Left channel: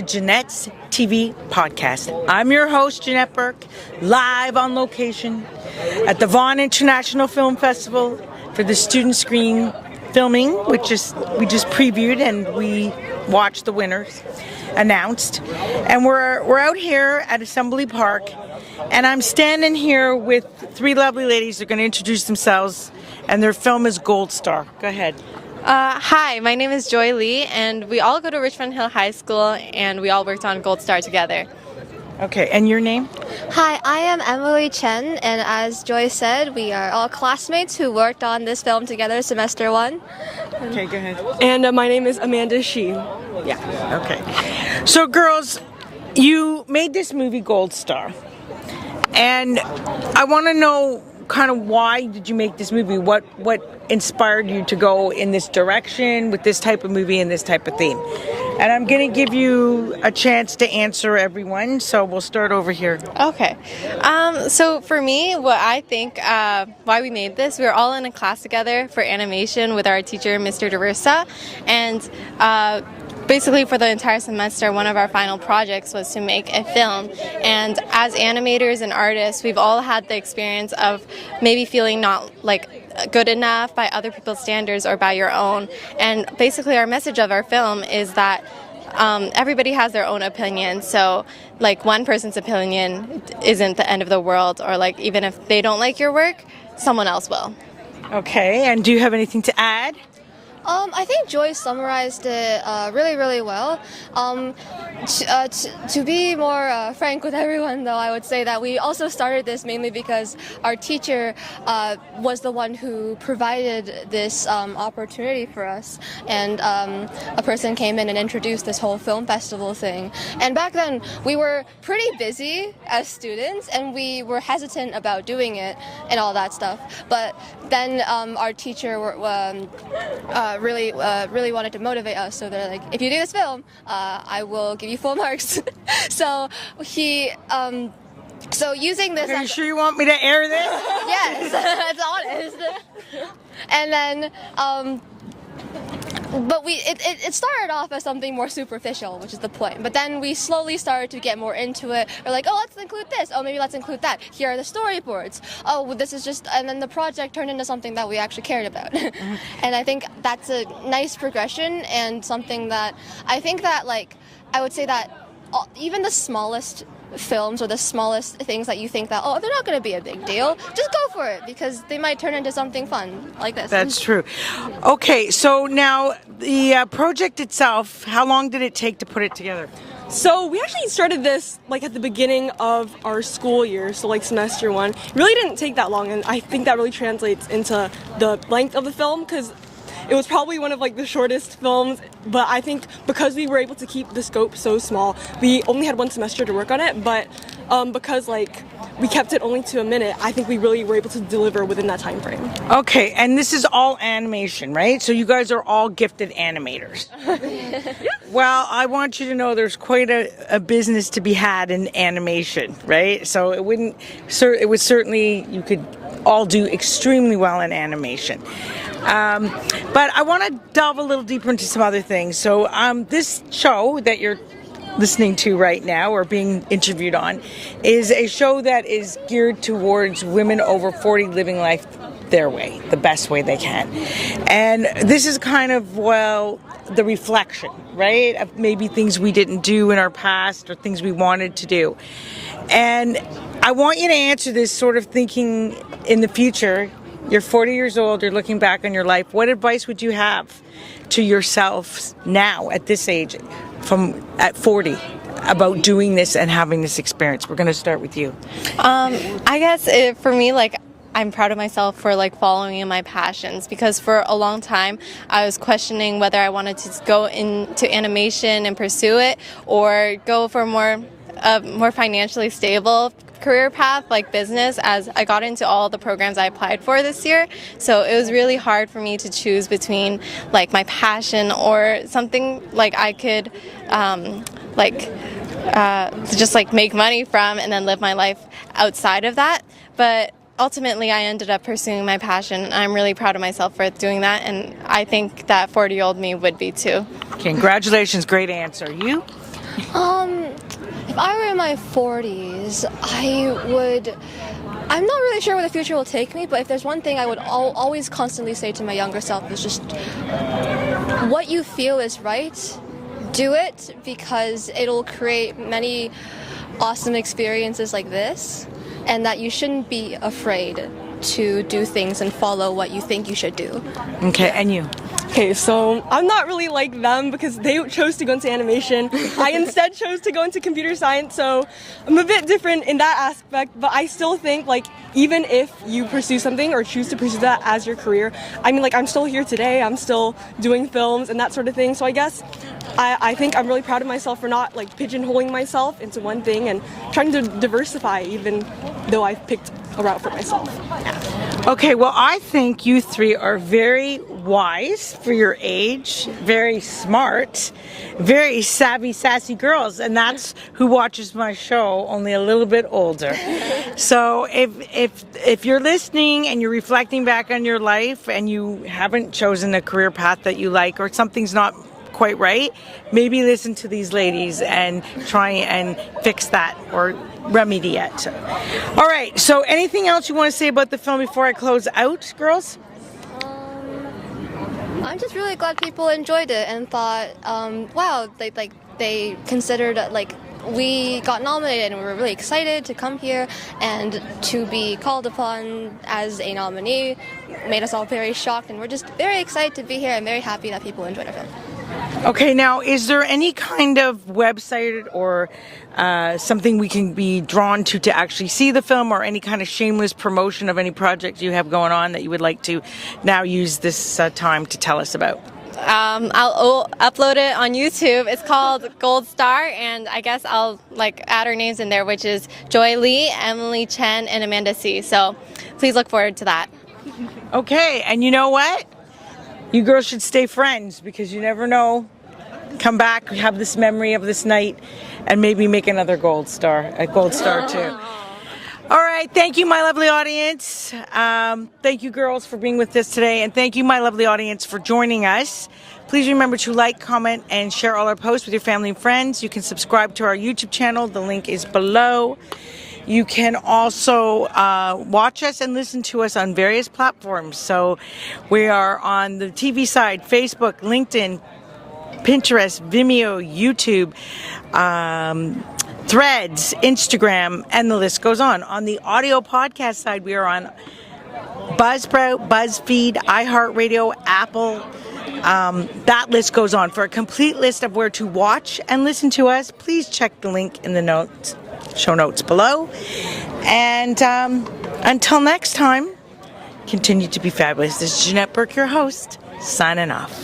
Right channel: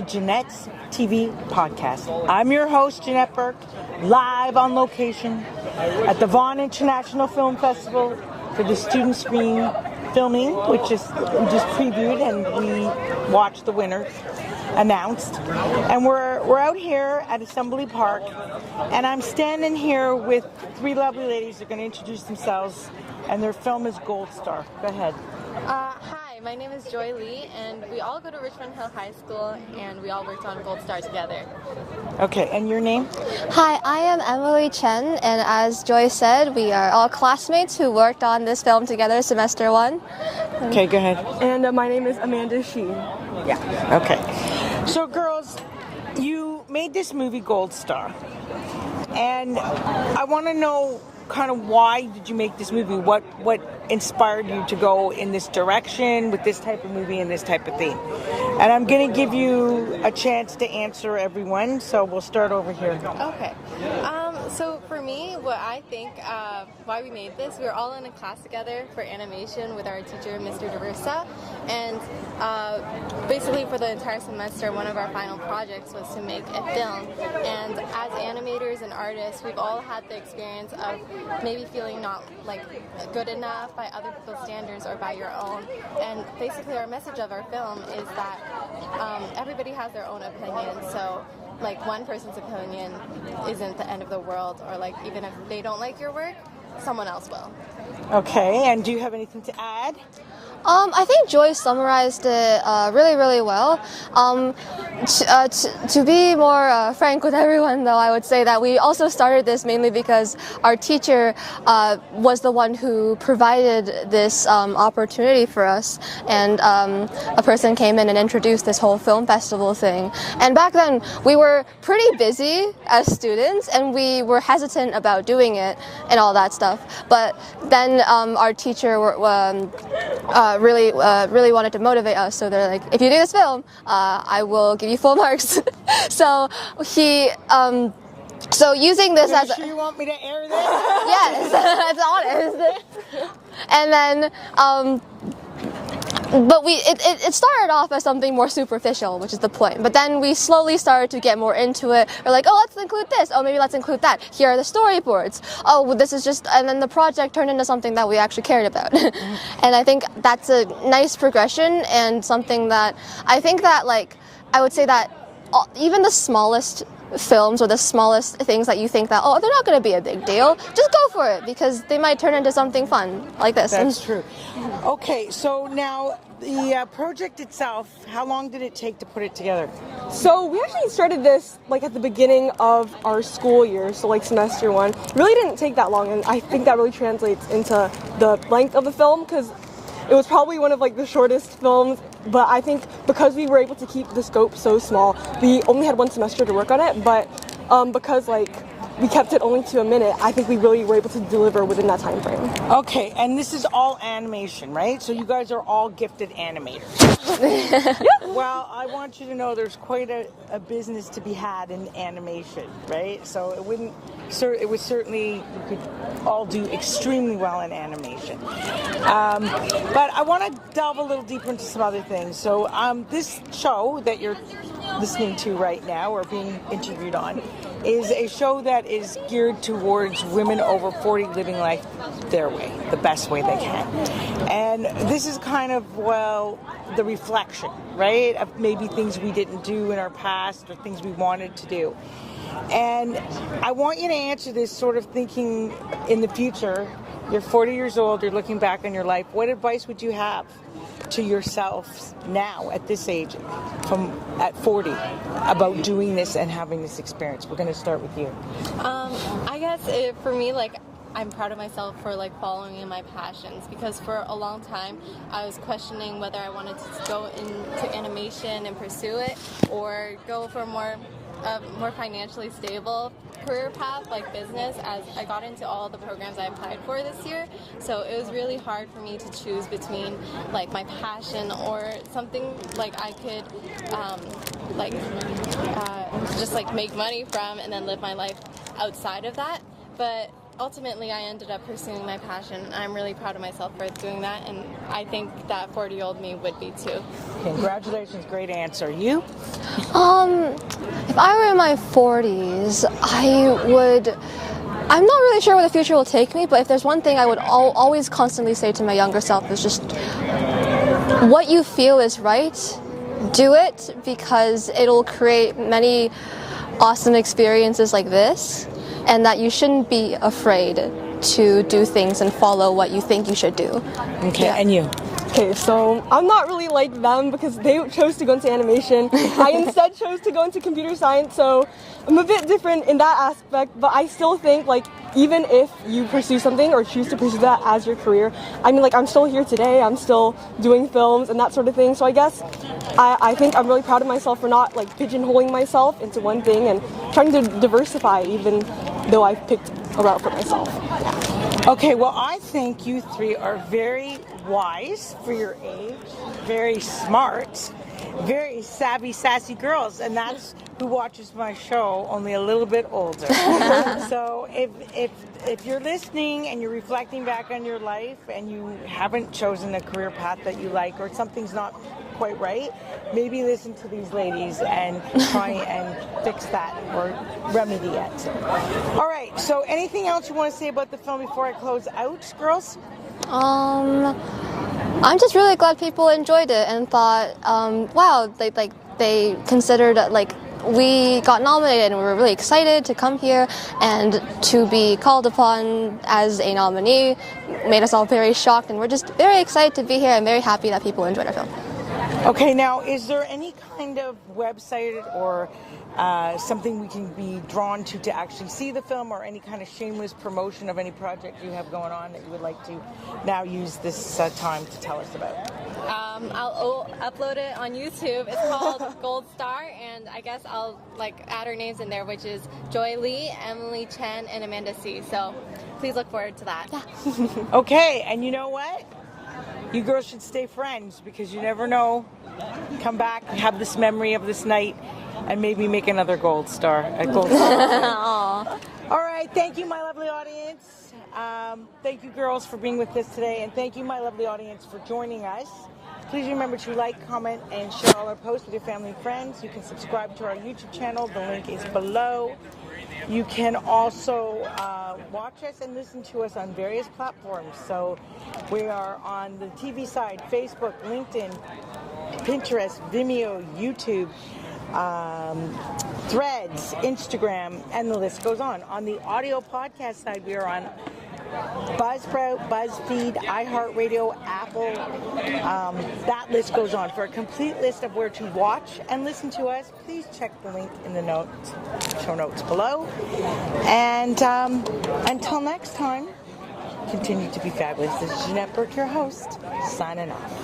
to Janette's TV podcast. I'm your host, Janette Burke, live on location at the Vaughan International Film Festival for the student screen filming, which is we just previewed and we watched the winners announced. And we're out here at Assembly Park, and I'm standing here with three lovely ladies. They're going to introduce themselves, and their film is Gold Star. Go ahead. Hi, my name is Joy Lee, and we all go to Richmond Hill High School, and we all worked on Gold Star together. Okay, and your name? Hi, I am Emily Chein, and as Joy said, we are all classmates who worked on this film together semester one. Okay, go ahead. And my name is Amanda Shein. Yeah, okay. So girls, you made this movie Gold Star, and I want to know kind of why did you make this movie? What inspired you to go in this direction with this type of movie and this type of theme? And I'm going to give you a chance to answer everyone, so we'll start over here. Okay. So for me, what I think why we made this, we were all in a class together for animation with our teacher, Mr. DeRussa, and basically for the entire semester, one of our final projects was to make a film. And as animators and artists, we've all had the experience of maybe feeling not like good enough by other people's standards or by your own. And basically our message of our film is that everybody has their own opinion. So like one person's opinion isn't the end of the world, or like even if they don't like your work, someone else will. Okay, and do you have anything to add? I think Joy summarized it really, really well. To be more frank with everyone, though, I would say that we also started this mainly because our teacher was the one who provided this opportunity for us, and a person came in and introduced this whole film festival thing. And back then, we were pretty busy as students, and we were hesitant about doing it and all that stuff. But then our teacher really wanted to motivate us, so they're like, if you do this film, I will give you full marks. So she, so using this Are you sure you want me to air this? Yes, that's honest. And then, but it started off as something more superficial, which is the point. But then we slowly started to get more into it. We're like, oh, let's include this. Oh, maybe let's include that. Here are the storyboards. Oh, well, this is just, and then the project turned into something that we actually cared about. And I think that's a nice progression, and something that I think that, like, I would say that even the smallest films or the smallest things that you think that, oh, they're not going to be a big deal, just go for it, because they might turn into something fun like this. That's true. Okay, so now the project itself, how long did it take to put it together? So we actually started this like at the beginning of our school year, so like semester one. It really didn't take that long, and I think that really translates into the length of the film, because it was probably one of like the shortest films, but I think because we were able to keep the scope so small, we only had one semester to work on it, but because like we kept it only to a minute, I think we really were able to deliver within that time frame. Okay, and this is all animation, right? So you guys are all gifted animators. Well, I want you to know there's quite a business to be had in animation, right? So it would certainly, you could all do extremely well in animation. But I want to delve a little deeper into some other things. So this show that you're listening to right now or being interviewed on is a show that is geared towards women over 40 living life their way, the best way they can. And this is kind of, well, the reflection, right, of maybe things we didn't do in our past or things we wanted to do. And I want you to answer this sort of thinking in the future. You're 40 years old, you're looking back on your life. What advice would you have to yourself now at this age, at 40, about doing this and having this experience? We're going to start with you. I guess for me, like, I'm proud of myself for like following in my passions, because for a long time I was questioning whether I wanted to go into animation and pursue it, or go for more financially stable career path like business, as I got into all the programs I applied for this year. So it was really hard for me to choose between like my passion or something like I could just like make money from and then live my life outside of that. But ultimately I ended up pursuing my passion, and I'm really proud of myself for doing that, and I think that 40-year-old me would be too. Congratulations, great answer. You If I were in my 40s, I'm not really sure where the future will take me, but if there's one thing I would always constantly say to my younger self is just what you feel is right, do it, because it'll create many awesome experiences like this, and that you shouldn't be afraid to do things and follow what you think you should do. Okay, and you? Okay, so I'm not really like them because they chose to go into animation. I instead chose to go into computer science, so I'm a bit different in that aspect, but I still think, like, even if you pursue something or choose to pursue that as your career, I mean, like, I'm still here today, I'm still doing films and that sort of thing, so I guess I think I'm really proud of myself for not, like, pigeonholing myself into one thing and trying to diversify, even though I've picked a route for myself. Yeah. Okay, well, I think you three are very wise for your age, very smart, very savvy, sassy girls, and that's who watches my show, only a little bit older. So if you're listening and you're reflecting back on your life and you haven't chosen a career path that you like, or something's not quite right, maybe listen to these ladies and try and fix that or remedy it. All right, so anything else you want to say about the film before I close out, girls? I'm just really glad people enjoyed it and thought, wow, they considered, like, we got nominated and we were really excited to come here and to be called upon as a nominee made us all very shocked, and we're just very excited to be here and very happy that people enjoyed our film. Okay, now, is there any kind of website or something we can be drawn to actually see the film, or any kind of shameless promotion of any project you have going on that you would like to now use this time to tell us about? I'll upload it on YouTube. It's called Gold Star, and I guess I'll, like, add our names in there, which is Joy Lee, Emily Chein, and Amanda Shein. So please look forward to that. Yeah. Okay, and you know what? You girls should stay friends, because you never know. Come back, have this memory of this night, and maybe make another gold star too. All right, thank you, my lovely audience. Thank you, girls, for being with us today, and thank you, my lovely audience, for joining us. Please remember to like, comment, and share all our posts with your family and friends. You can subscribe to our YouTube channel. The link is below. You can also watch us and listen to us on various platforms. So we are on the TV side, Facebook, LinkedIn, Pinterest, Vimeo, YouTube, Threads, Instagram, and the list goes on. On the audio podcast side, we are on Buzzsprout, BuzzFeed, iHeartRadio, Apple. That list goes on. For a complete list of where to watch and listen to us, please check the link in the show notes below. And until next time, continue to be fabulous. This is Janette Burke, your host, signing off.